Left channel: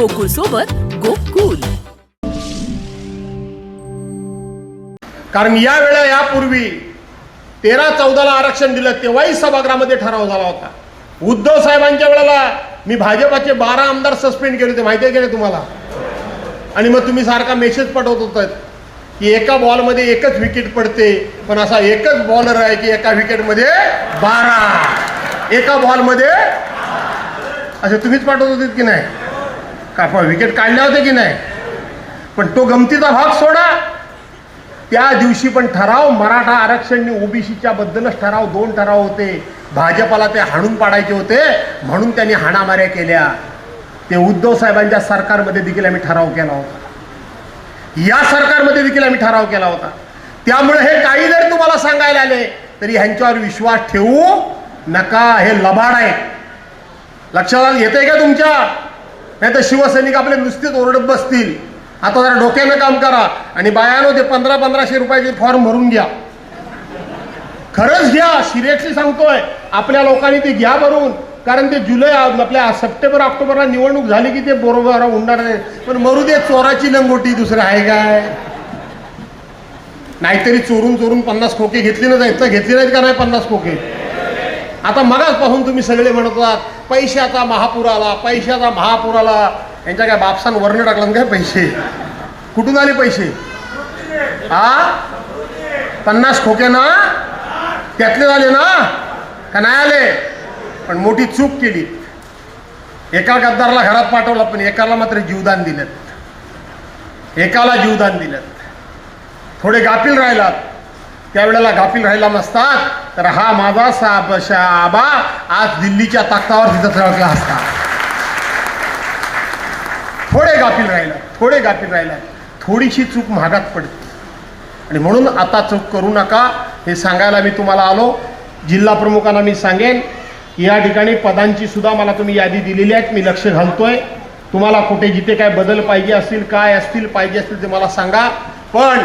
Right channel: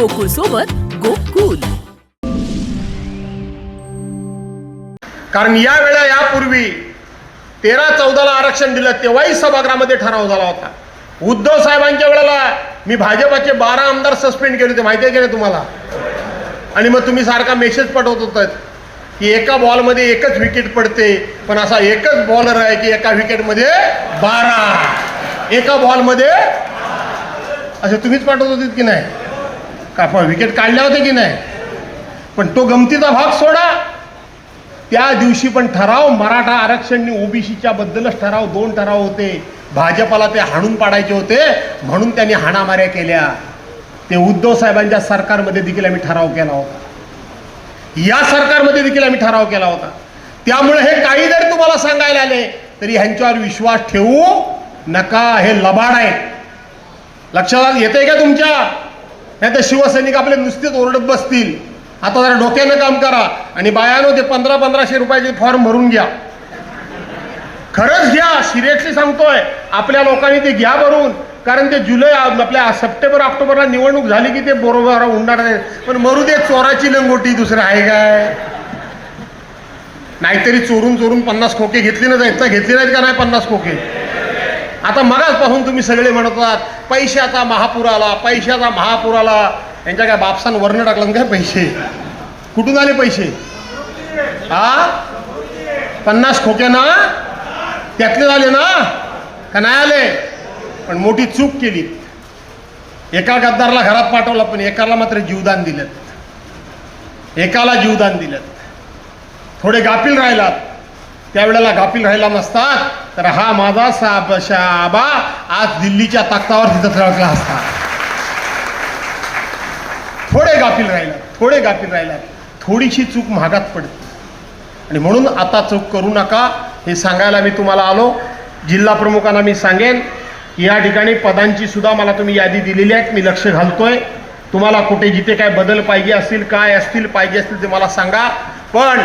गोकुळ सोबत गोकुल. कारण या वेळा यापूर्वी तेरा चौदाला आरक्षण दिलं तेव्हाही सभागृहामध्ये ठराव झाला होता. उद्धव साहेबांच्या वेळेला मी भाजपाचे बारा आमदार सस्पेंड केले होते माहिती आहे की नाही तुम्हाला? आणि मग तुम्ही सारखा मेसेज पाठवत होतात की एका बॉलमध्ये एकच विकेट पडते पण असा एकच बॉलर आहे की एका विकेटमध्ये बारा. एका बॉलमध्ये असे तुम्हीच पाठवत होते की नाही? आपण विकेट काढल्या होत्या की नाही? पण तो गमतीचा भाग सोडा. त्या दिवशी पण ठराव मराठा आरक्षण ओबीसीच्या बद्दलच ठराव दोन ठराव होते. भाजपाला ते हाणून पाडायचे होते म्हणून त्यांनी हाणामाऱ्या केल्या. ते उद्धव साहेबांच्या सरकारमध्ये देखील आम्ही ठराव केला होता. या सरकारमध्ये देखील आम्ही ठराव केला होता. त्यामुळे हे काही जरी तुम्हाला सांगायला आले तरी ह्यांच्यावर विश्वास ठेवू नका. हे लबाड आहेत लक्षात येते का तुमच्या? नाही तर शिवसैनिक आपले नुसतेच ओरडत बसतील. आता जरा डोक्याने काम करा आणि बायानो ते पंधरा पंधराशे रुपयाचे फॉर्म भरून घ्या. खरंच घ्या सिरियसली सांगतोय. आपल्या लोकांनी ते घ्या भरून. कारण ते जुलै आपल्या सप्टेंबर ऑक्टोबरला निवडणूक झाली की ते बरोबर उडणार नाही पण मरू दे चोराची लंगोटी दुसरं आहे काय? नाहीतरी चोरून चोरून पन्नास खोके घेतली ना जायचं घेतली नाहीत का नाही पन्नास खोके? आता मगाच पाहून तुम्ही सगळे म्हणत आहात पैशाचा महापूर आला पैशाचा महापूर आला यांच्या काय बापसान वर्ण टाकलं काय पैसे? कुठून आले पैसे? हा पन्नास खोके ना? त्यातले झाले ना? का नाही आले? पण मोठी चूक केली. एका गद्दारला घरात पाठवला पण एकाला मात्र जीवदान दिलं. एकाला जीवदान दिलं. थोडे गाफील राहिलात. त्यावेळेला गाफील राहिला नसतात. तर हा माझा साब आबा आज दिल्लीच्या ताकतावर तिथं खेळला असता. थोडे गाफील राहिला थोडे गाफील राहिला. थोडीशी चूक महागात पडते. आणि म्हणून आता चूक करू नका हे सांगायला मी तुम्हाला आलो. जिल्हा प्रमुखांना मी सांगेन या ठिकाणी पदांची सुद्धा मला तुम्ही यादी दिलेली आहे मी लक्ष घालतोय. तुम्हाला कुठे जिथे काय बदल पाहिजे असतील काय असतील पाहिजे असतील ते मला सांगा. पण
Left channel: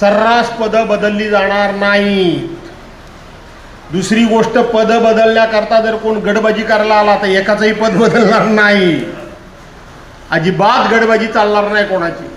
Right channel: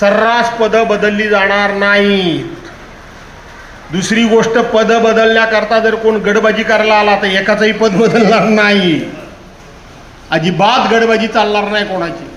सर्रास पदं बदलली जाणार नाहीत. दुसरी गोष्ट पद बदलण्याकरता जर कोण गडबाजी करायला आला तर एकाचंही पद बदलणार नाही. अजिबात गडबाजी चालणार नाही कोणाची.